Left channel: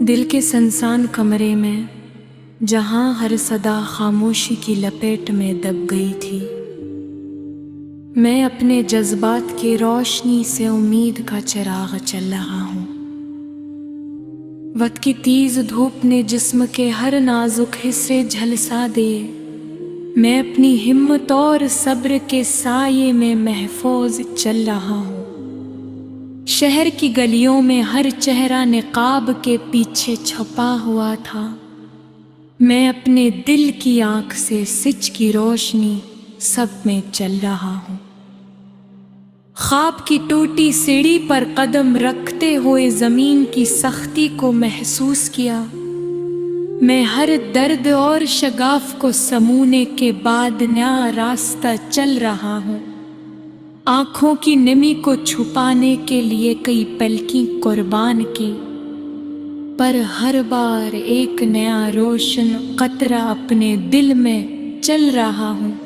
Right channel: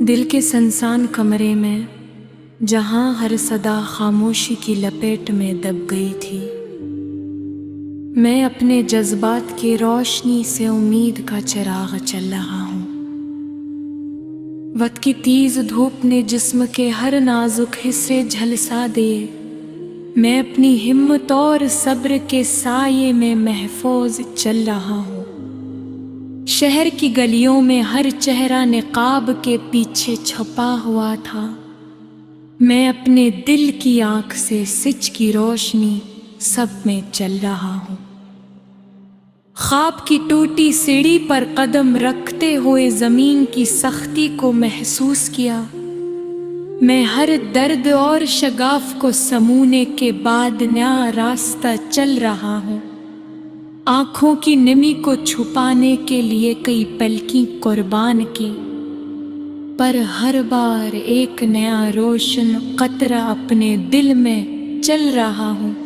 दिल के सुनसान कमरे में जहां हर सदा खामोशी की लपेट में दब गई थी, मैं अपने जज्बात की रोशनी से उम्मीद का चिराग चल रहा हूँ। वक्त की तेज धूप ने जिस्म के हर नाजुक हिस्से झलसा दिए। मैं अपनी हिम्मत और सब्र के साये में महफूज चल रहा हूँ। शहर की गलियों में हर चेहरा निकाब के पीछे छुपा हुआ था। मैं अपने दिल की आंख से सिच की रोशनी सब में चल रहा हूँ। ख्वाब की टूटी सीढ़ी पर कदम रखते हुए जमीन की सख्ती को महसूस किया। मैं हर दर्द और शगाफ को समूने के बाद नया रास्ता चल रहा हूँ। आंखों की नमी को छुपाने के लिए कई पलकी कुर्बान की, पर हर बार एक नया रोशन कतरा अपने दिल में चल रहा हूँ।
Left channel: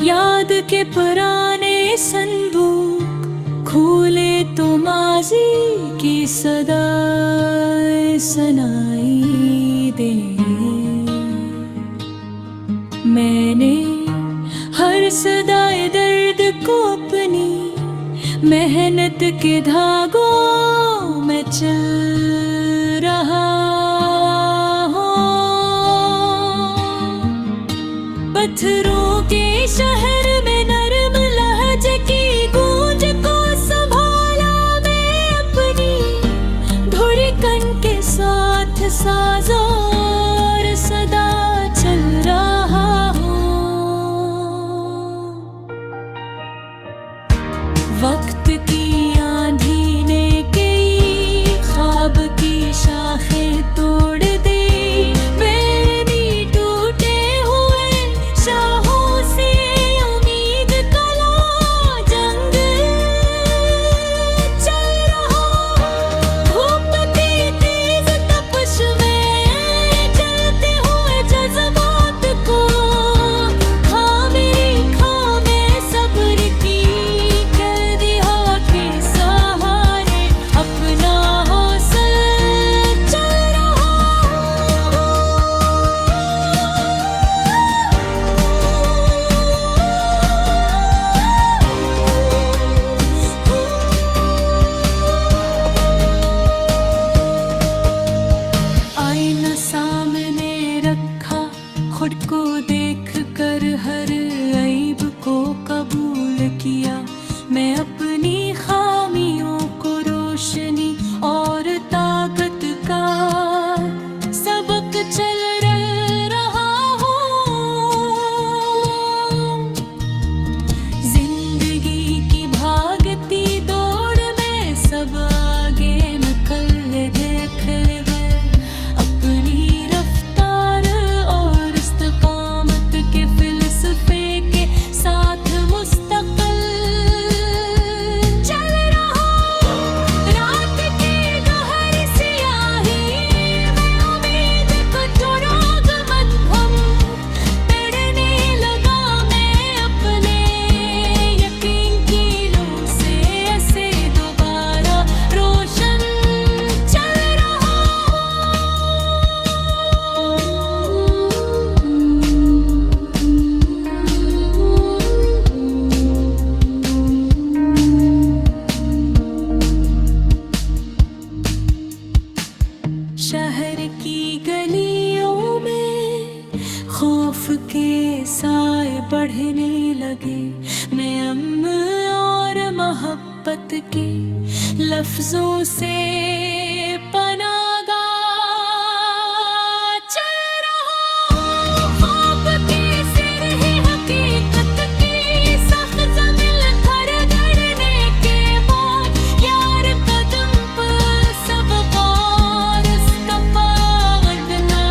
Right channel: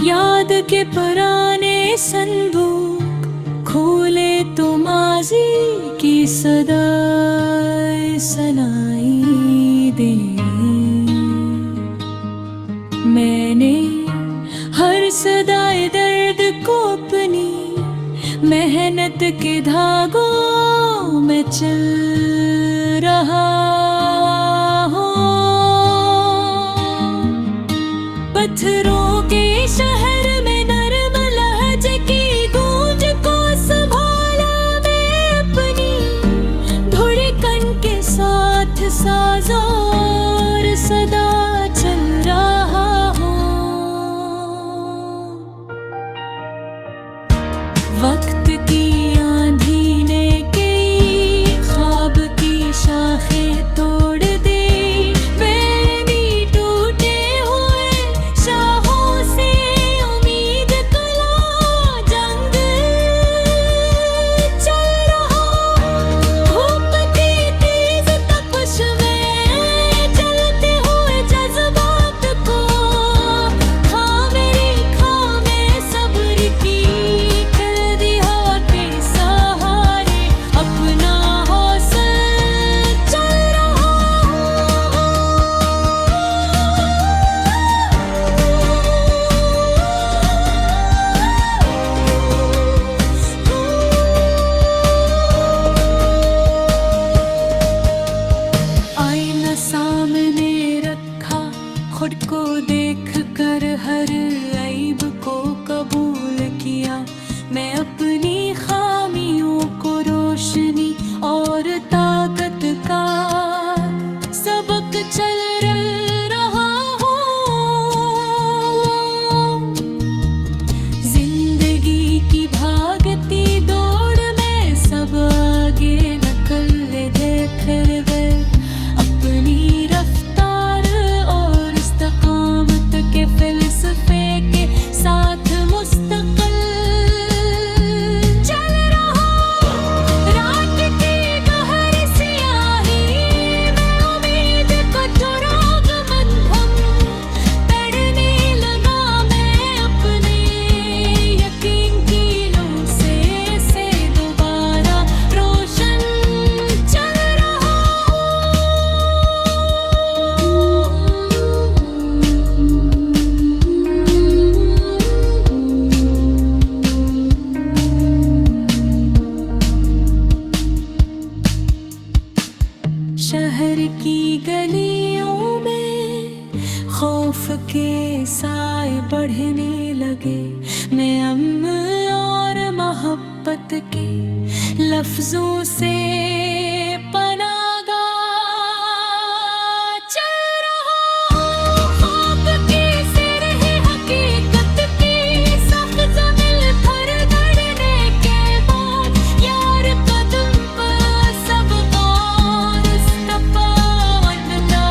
याद के पुराने संदूक खोले तो माजी की सदाएं सुनाई दे। मैंने हर सदाए दर्द को अपनी मेहनत के धागों में चल रहा हूँ। पत्थरों के शहर में नरम लहजे की गूंज को संभाला मैं अपनी धड़कन के साथ साज़ोर सदा चल रहा हूँ। वक्त की आंधी ने कई ख्वाब की शाखें तोड़ दी। सामने रखा, खुद को देख कर हर ऐब को कबूल किया। मैं अपनी खामियों को रोशनी और ताकत का सबक चल रहा हूँ। जिंदगी की भागती दौड़ में सब आगे नकल देख गए। अपनी रफ्तार और इस्तकामत के फिलसफे के साथ मुस्तकिल चल रहा। रात की गहरी सियाही में उम्मीद को चुराग मध्यम पढ़ने लगा। मैं अपने यकीन की लो से ऐसे दोबारा रोशन चल रहा। शहर की गलियों में खौफ के साए बढ़ने लगे। मैं अम्न और मोहब्बत के लफ्जों से पनागा चल रहा हूँ। ख्वाब की सिर है हकीकत की सख्त ज़मीन पर गड़ने के बाद यार कदम पर सब गौर इस्तफा वरना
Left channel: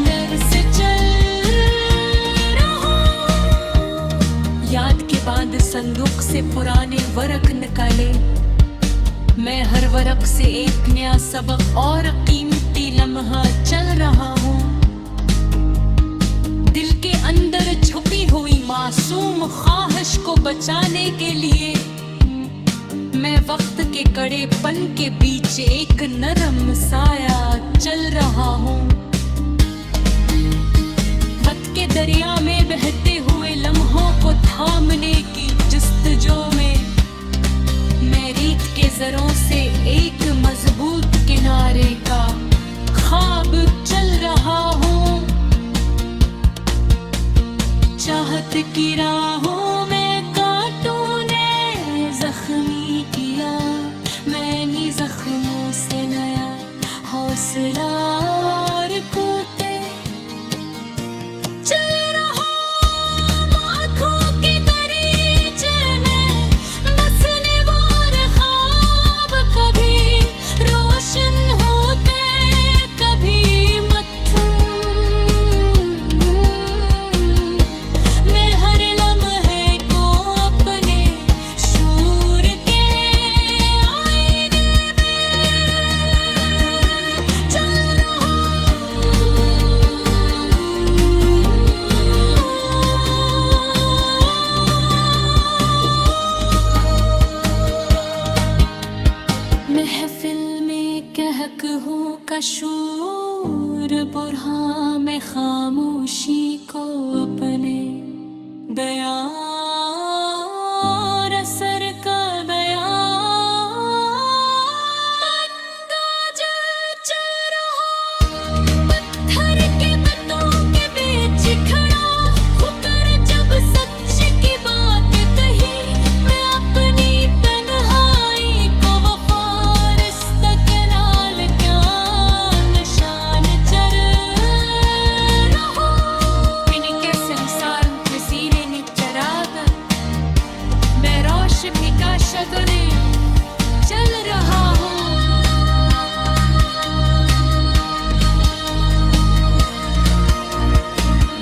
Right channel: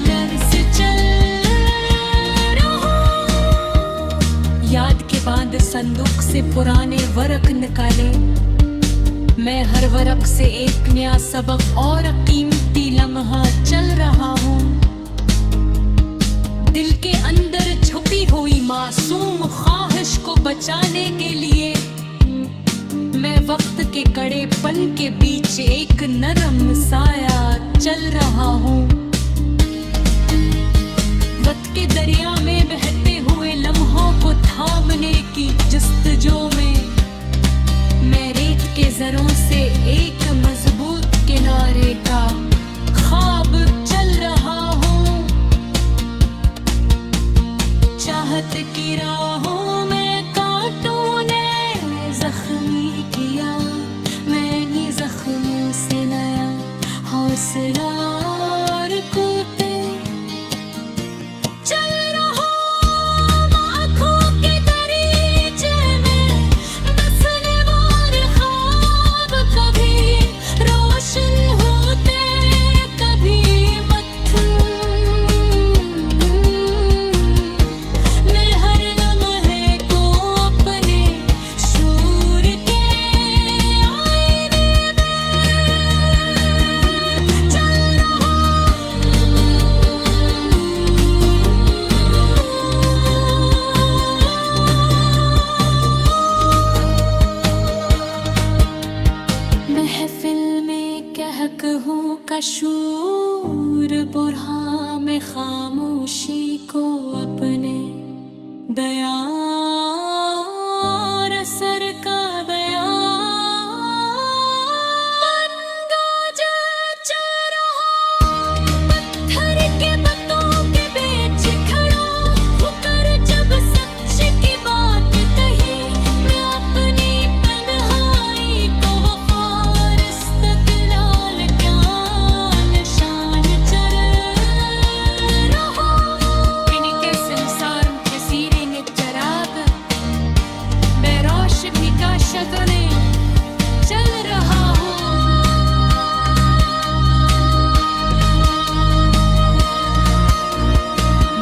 डर से चल बांध संदूक से पुराने वरक निकाले। मैं हर वरक से एक नया सबक और कीमती लम्हा चल रहा हूँ। दिल के अंदर छुपी हुई मासूम ख्वाहिश को बचाने के लिए मैं वक्त के कड़ेपन के बीच एक नरम साया चल रहा हूँ। वक्त के दरिया में बहते हुए लम्हों को थामने की जस्तजू में मैं रेत के जरों से एक मजबूत किनारे का ख्वाब चल रहा हूँ। चाहत की राहों में कांटों ने जख्मी किया, मैंने जख्मों से नया हौसला और कूदे चल रहा हूँ। आँखों के दरीचे में बसने वाले ख्वाब कभी रोशन होते कभी मत्थम। मैं हर लम्हे को अपने शूर के आईने में चल रहा महफिल में कहक हूँ कशूर, बुरहा में खामोशी को अपने दया और असर का दया चल रहा। पत्थर के पत्तों के बीच खड़ा होकर जब सच की बात कही, मैं अपनी तन्हाई को वफार इस्तक़लाल क्या निशान चल रहा। मैंने के संसार में सीरे ने चराग बेरोश निकाशतों ने चल रहा हूँ।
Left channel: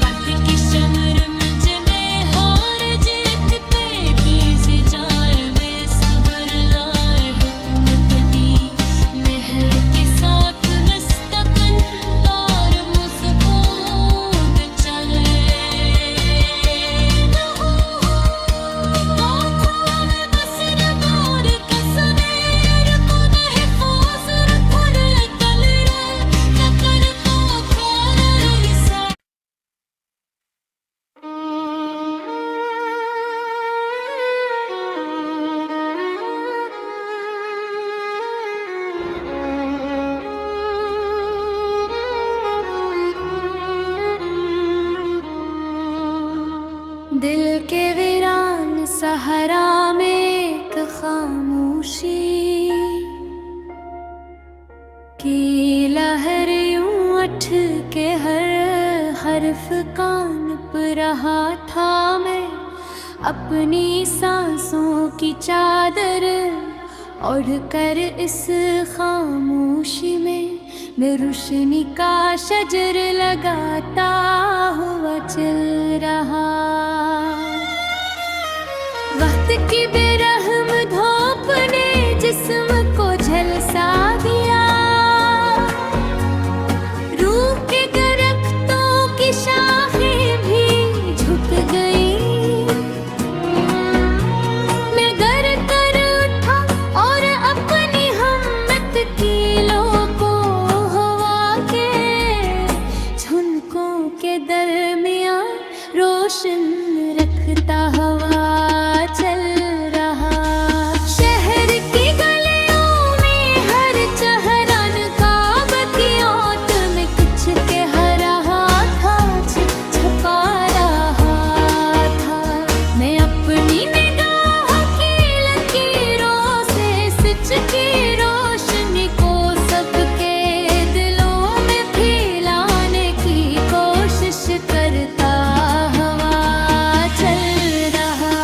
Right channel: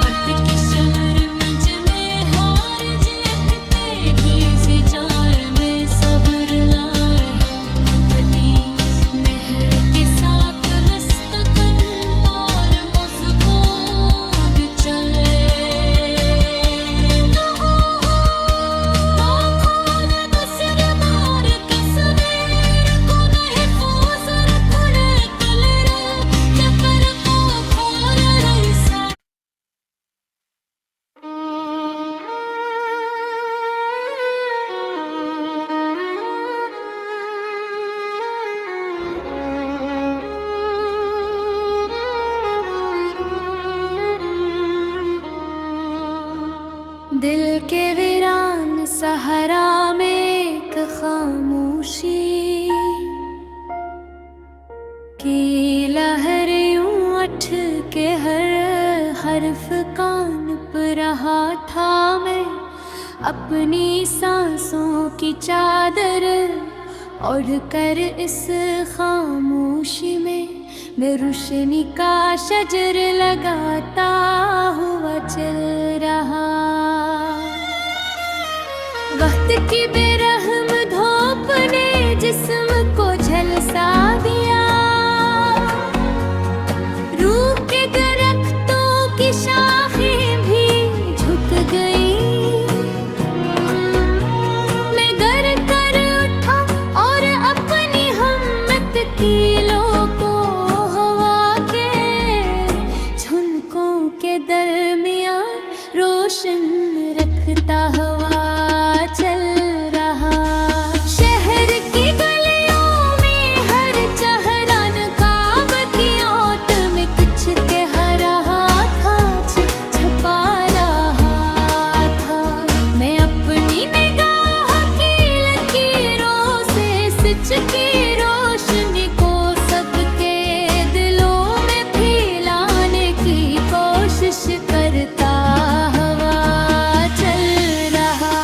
वक्त की शमर में जमे हार देखते भी जाए में सब्र लाए हुकूमती मेहर के साथ मुस्तकन और मजबूत चले रहा हूँ। आँखों में बसर बार तस्वीर को महफूज रखने कल रे लकर को खोर रही सा। दिल के वीरान सहारा में एक खामोशी की लहर यूं उठ के हर हर्फ कान पर रहा था। मैं अपनी सांसों की चादर ओढ़ कर इस खामोशी में मैं रोशनी का शजर लगाता हुआ चल रहा। वक्त की बेरहम धूप ने जिस्म को झलसा दिया, रूह के दरख्तों की शाखें भी झुक गई। मैं गर कर उठा और अपनी हिम्मत कीलों को हवा के झुनकों के दरमियां रोशन रखता हुआ चल रहा। शहर की गलियों में हर चेहरान काब की ओट में कुछ कह रहा था, छपा रहा था। मैं अपनी निगाह की लकीरों से सच की रोशनी को सबके दिलों में फैलाने की कोशिश करता हुआ चल रहा।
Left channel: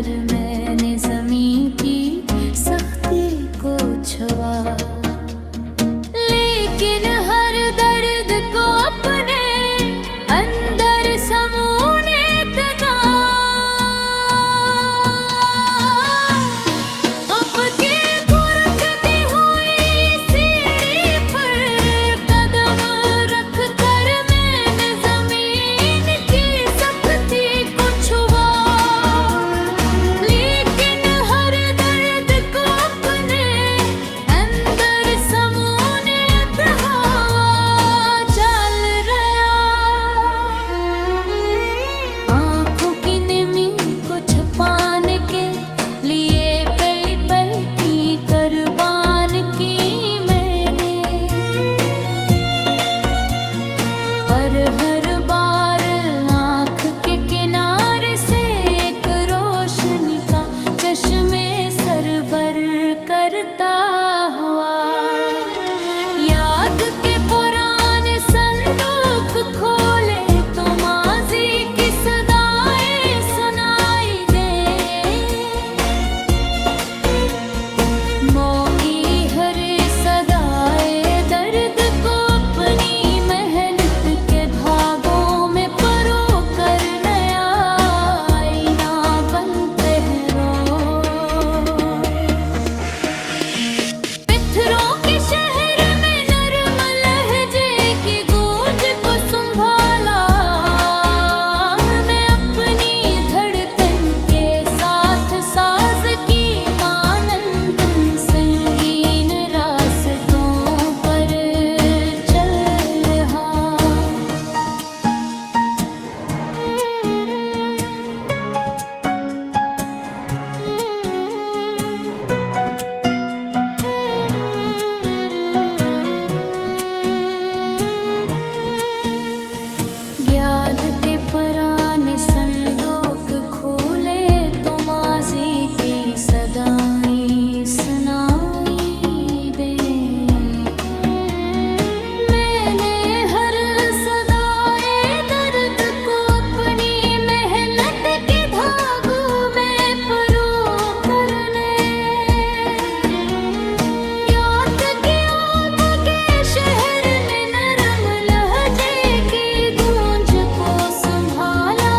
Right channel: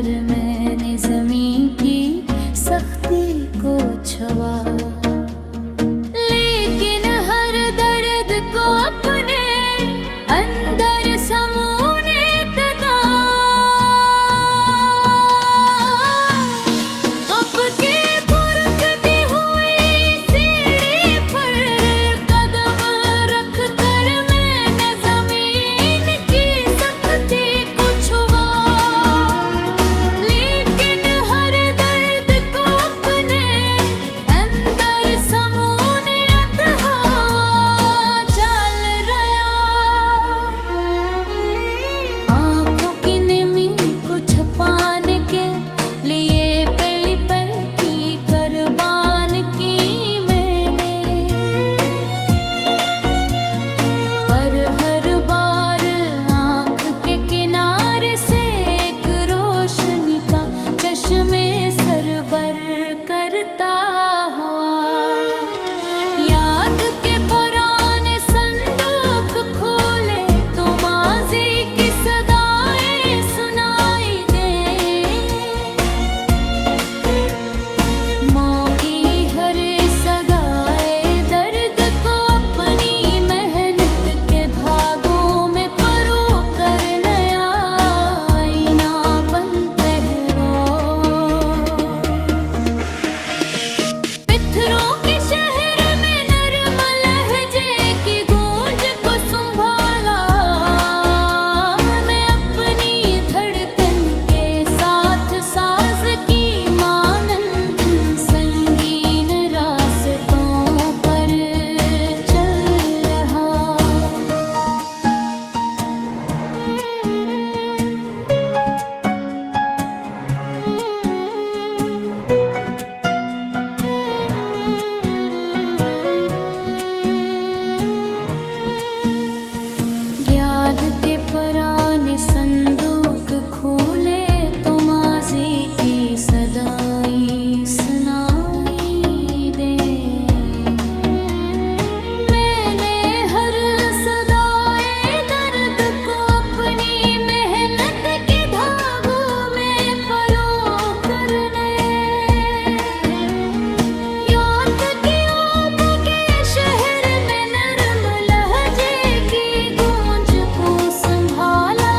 कर मैंने ज़मीं की सख्ती को छुआ, लेकिन हर दर्द को अपने अंदर समूने तका। अब के खुरकती हुई सीढ़ी पर कदम रख कर मैंने ज़मीन की सख्ती को छुआ, लेकिन हर दर्द को अपने अंदर समूने हवा चल रहा। आँखों की नमी को छुपाने के लिए पली पलटी कुर्बान की मैंने, पर हर बार आँख के किनारे से एक रोशनी का चश्मे सरबर करता हुआ। याद के पुराने संदूक खोले तो माजी की सदाएं सुनाई दे, मोई हर सदाए दर्द को अपनी मेहनत के धागों में परो कर नया आईना बनते हैं रोज। पत्थरों के शहर में नरम लहजे की गूंज को संभाला, मैं अपनी धड़कन के साथ साज की मानंद संगीन रास्तों पर चल रहा। याद के पुराने संदूक खोले तो माजी की सदाएं सुनाई दे, मैंने हर सदाए दर्द को अपनी मेहनत के धागों में परो करने। याद के आप के शहर में नरम लहजे की गूंज को संभाला,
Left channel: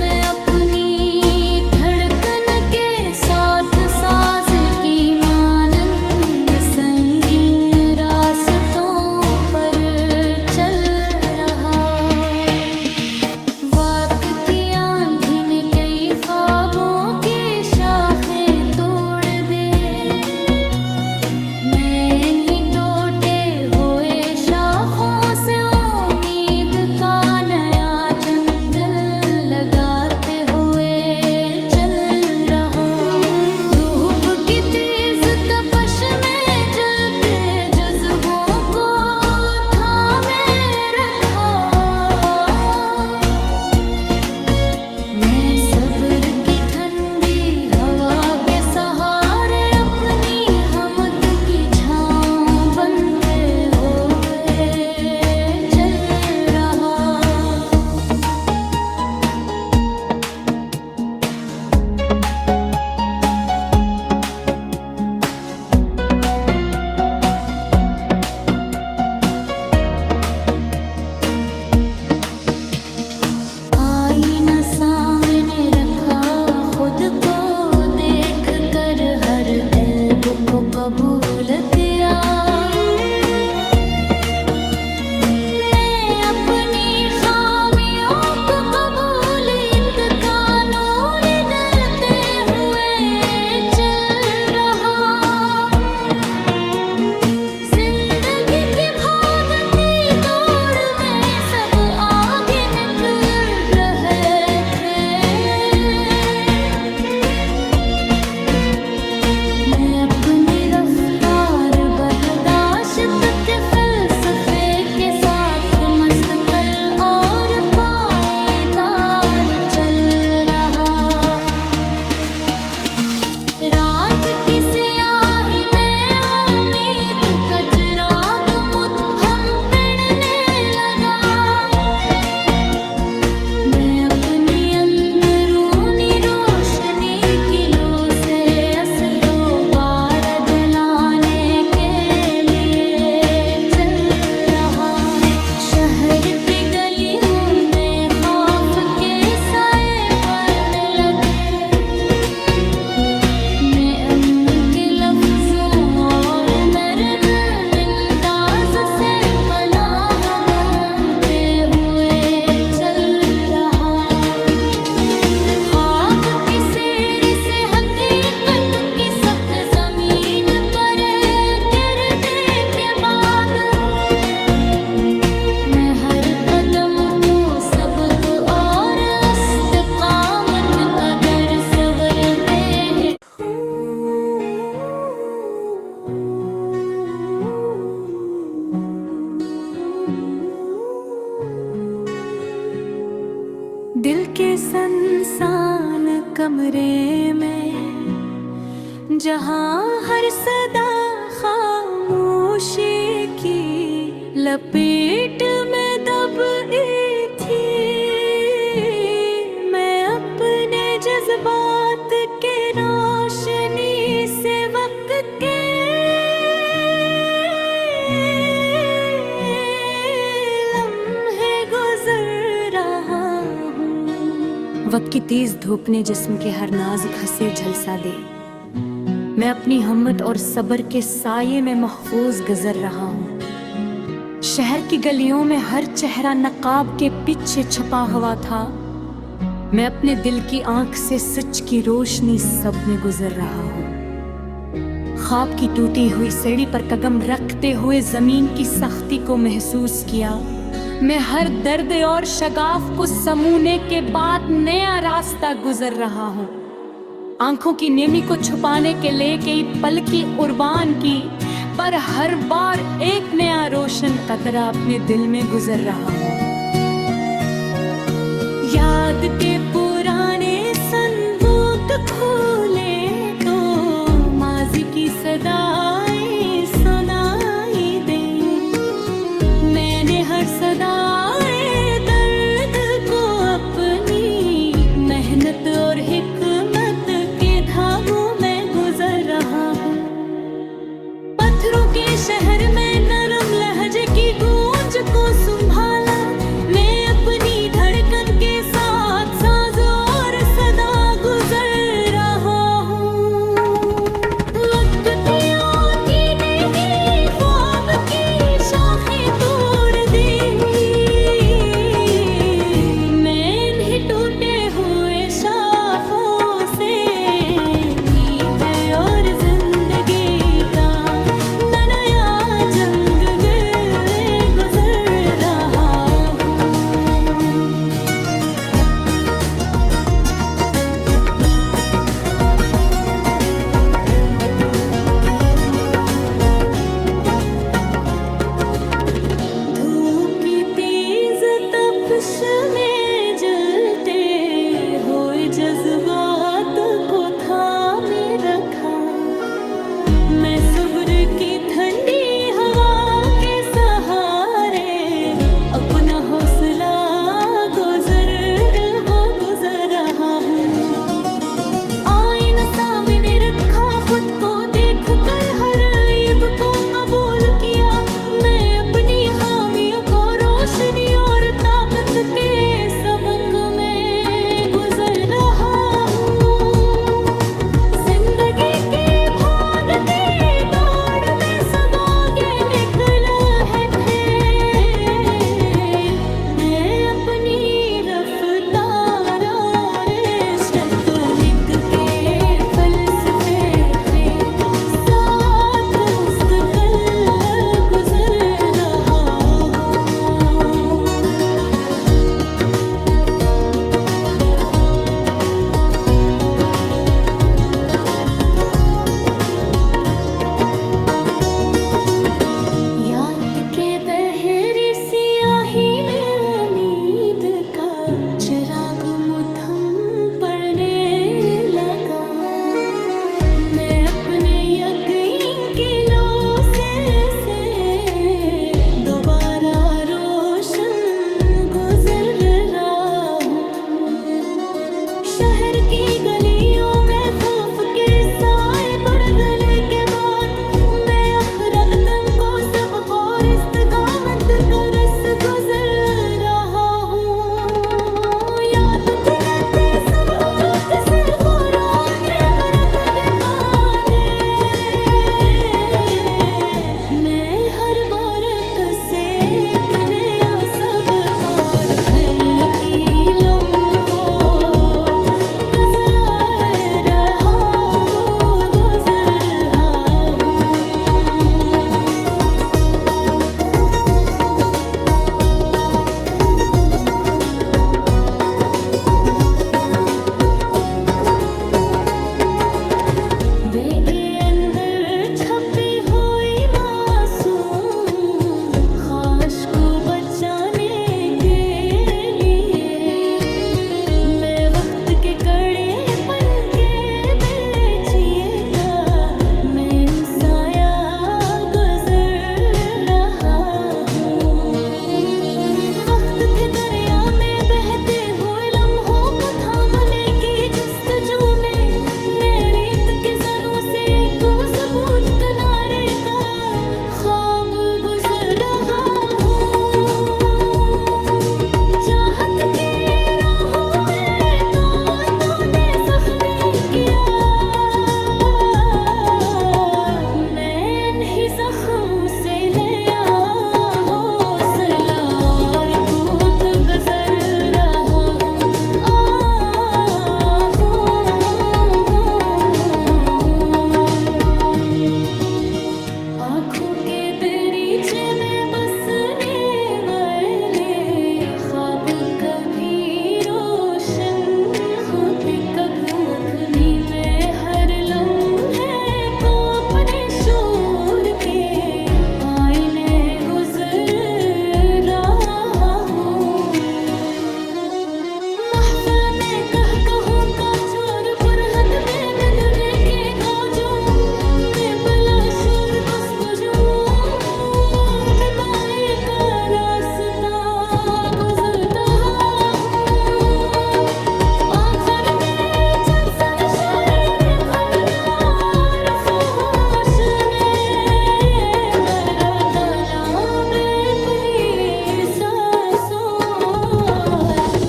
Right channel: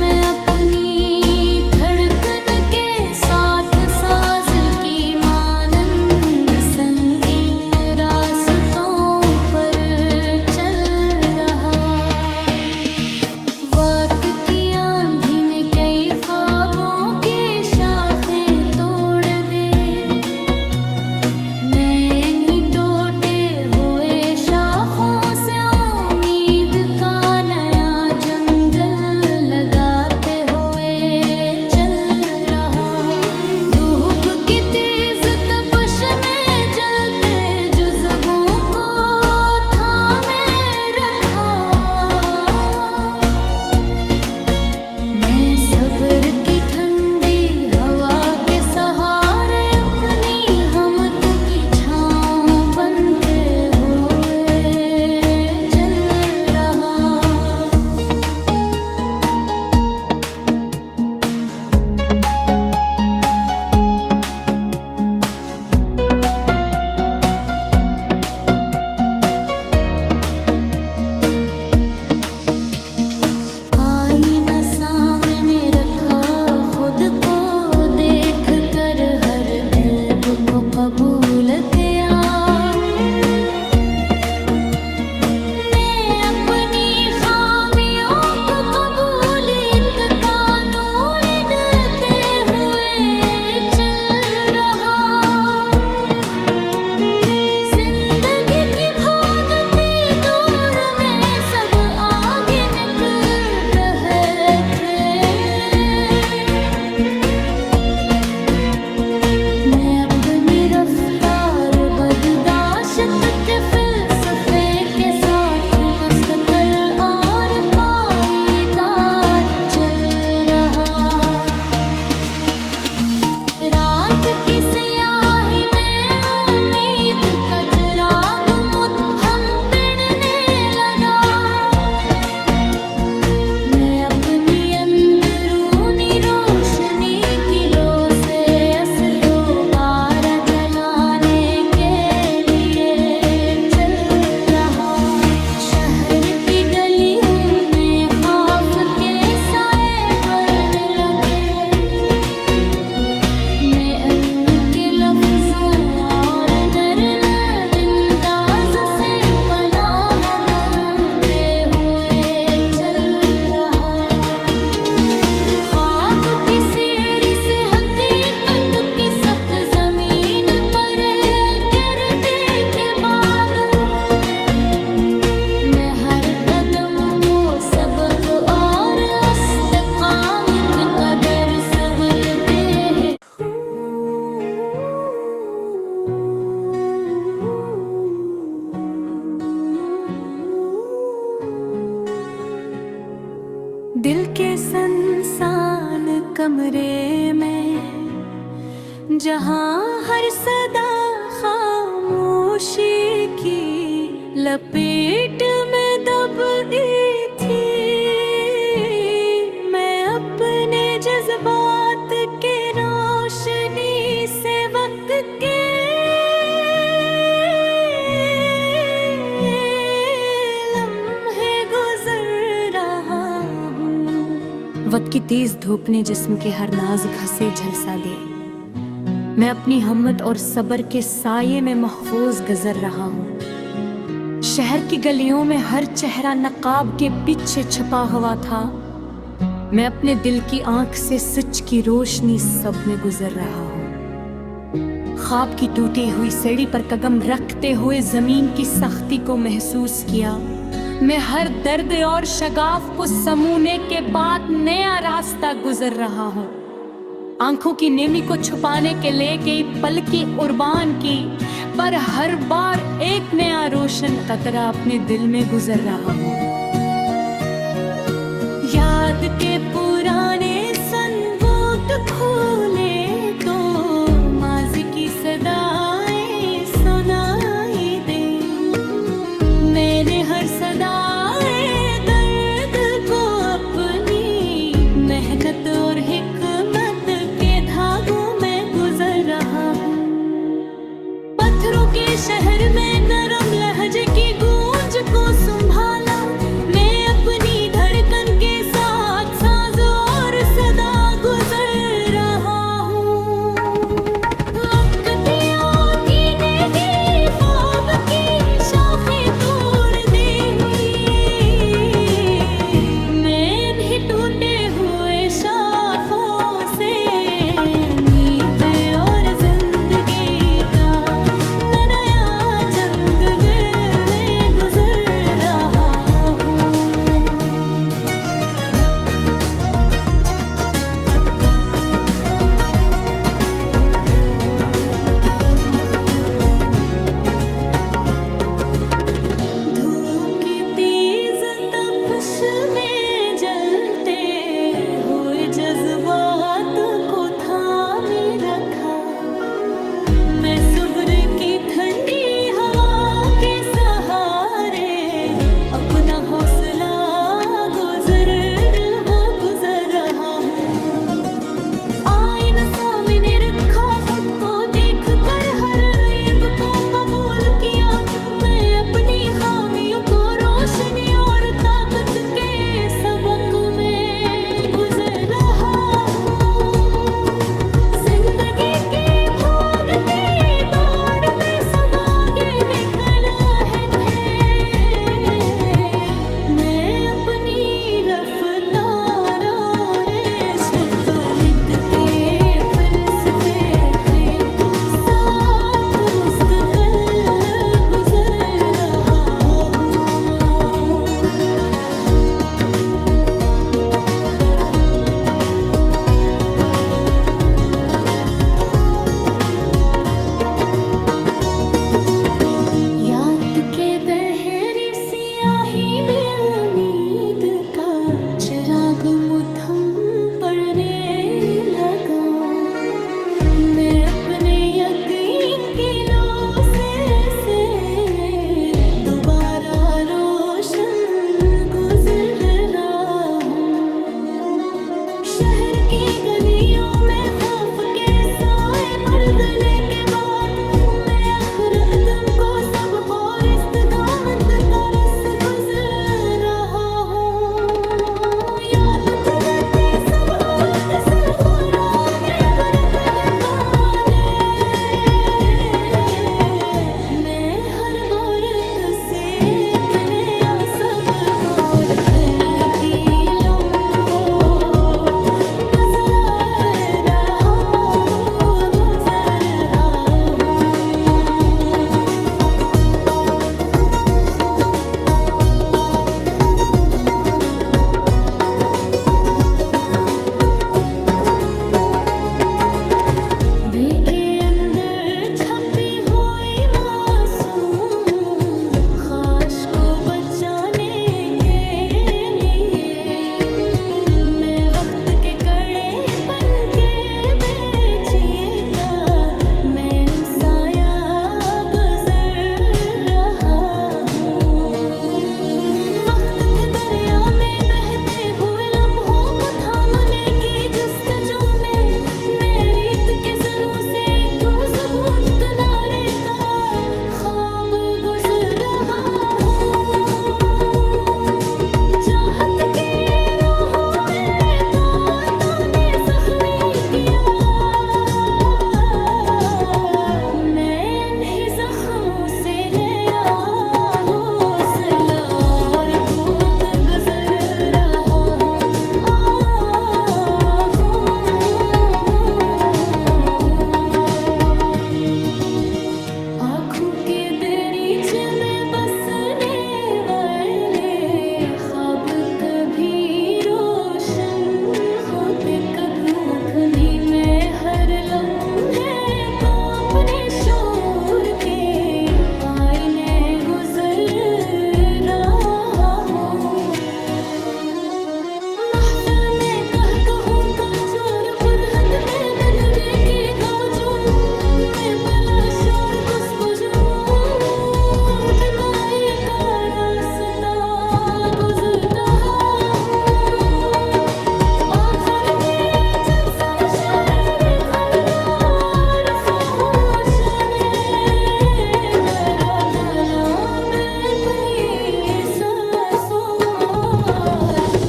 मैं अपनी धड़कन के साथ साज की मानंद संगीन रास्तों पर चल रहा। वक्त की आंधी ने कई ख्वाबों की शाखें तोड़ दे, मैं इन्हीं टूटे हुए शाखों से उम्मीद का नया जंगल लगाते हुए चल रहा। धूप की तेज तपश में जलते जज्बों को थामे रखा, मैं सब्र की ठंडी हवा के सहारे अपनी हमत की छाँव बनते हुए चल रहा। आईना सामने रखा, खुद को देख कर हर ऐब को कबूल किया, मैं अपनी खामियों को कबूलियत का नूर देते हुए चल रहा। जिंदगी की भागती दौड़ में सब आगे निकल रहे थे, मैं अपनी रफ्तार बर्दाश्त के फलसफे के साथ मुस्तकिल और पाईदार चल रहा। रात की स्याही में उम्मीद का चिराग मुद्दम पिड़ने लगा, मैं अपनी अंदर में उनके लफ्जों और नरम अंदाज से पनाह बनते हुए चल रहा। ख्वाब की सैर से हकीकत की सख्त जमीन पर गिरने के बाद मैं हर कदम को सबक और इस्तिकामत का दर्स संवरते हैं। दिल के संसान कमरे में जहाँ हर सदा खामोशी की लपेट में दबी थी, मैं अपने जज्बात के रोशनी से वक्त के लम्हे गुजर रहा हूँ। वक्त की तेज धूप ने जिस्म के हर नाजुक हंसे झलसा दे, मैं अपनी हिम्मत और सब्र के साये में महफूज गुजर रहा हूँ। शहर की गलियों में हर चेहरा नकाब के पीछे छुपा हुआ था, मैं अपने दिल की आंख से सच की रोशनी सब में गुजर रहा हूँ। ख्वाब की टूटी हुई सीढ़ी पर कदम रखते हुए जमीन की सख्ती को महसूस किया, मैं हर दर्द और शगाफ को समूने के बाद नया रास्ता गुजर रहा हूँ। आंखों की नेमी को छुपाने के लिए कई पल की कुर्बान की, पर हर बार एक नया रोशन कतरा अपने दिल में गुजर रहा हूँ। याद के पुराने संबूत खोले तो माजी की सदाएं सुनाई दे, मैंने हर सदाए दर्द को अपनी मेहनत और हिकमत के धागों में गुजर रहा हूँ। पत्थरों के शहर में नरम लहजे की गूंज को संभाला, मैं अपनी धड़कन के साथ साज और सदा गुजर रहा हूँ। वक्त की नहीं ख्वाब की शाखें तोड़ दी, मैं इन्हीं टूटे हुए शाखों से उम्मीद और जिंदगी का नया जंग गले गुजर रहा हूँ। धूप की तेज तपश में जलते हुए जज्बात को थामे रखा, मैं सब्र की ठंडी हवा के सहारे अपना हौसला गुजर रहा हूँ। आईना सामने रखा, खुद को देख कर हर ऐब को कबूल किया, मैं अपनी खामियों को रोशनी और ताकत के सबक में गुजर रहा हूँ। जिंदगी की भागती दौड़ में सब आगे निकल आए थे, मैं अपनी रफ्तार और तकनीक के फलसफे के साथ मुस्तकिल गुजर रहा हूँ। याद के दहरी सियाही में उम्मीद का चिराग मुठम पड़ने लगा, मैं अपने यकीन की लो से दोबारा रोशन गुजर रहा हूँ। शहर की गलियों में खौफ के साए बढ़ गले के बाद, मैं अखरतम को सब और इस्तकामत का रस गुजर रहा हूँ। याद दिलाते शोर के आईने गुजर रहा हूँ। महफिल में कहूँ का चोर बुरहद पे मन देखेगा जो मैं पला शोर गुस्पुजू दिमाए का रास्ता गुजरता हूँ। आँखन में जब सब शहर खनदार फहोश में बरा तालाब अपनी सांसों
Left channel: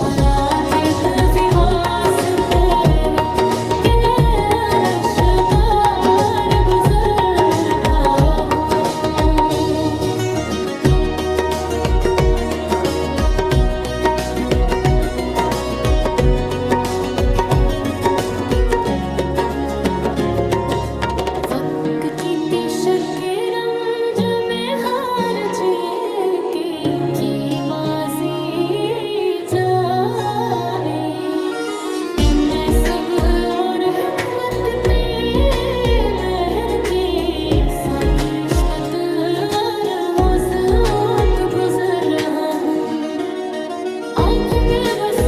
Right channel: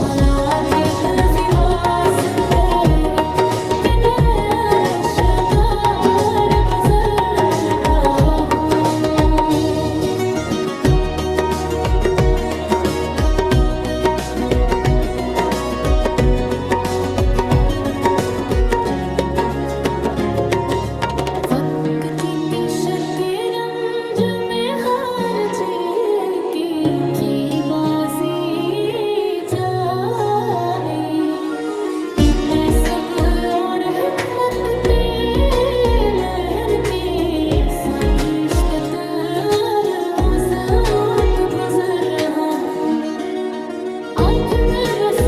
हालात दिव्य वास्ते के रश्कार गुजर रहा हूँ। वक्त की तिशक के रंज में हार जे के जीबाजी जाए में सब और हिकमत ते महर के साथ निस्बत और होज़ गुजर रहा हूँ। आँख में बस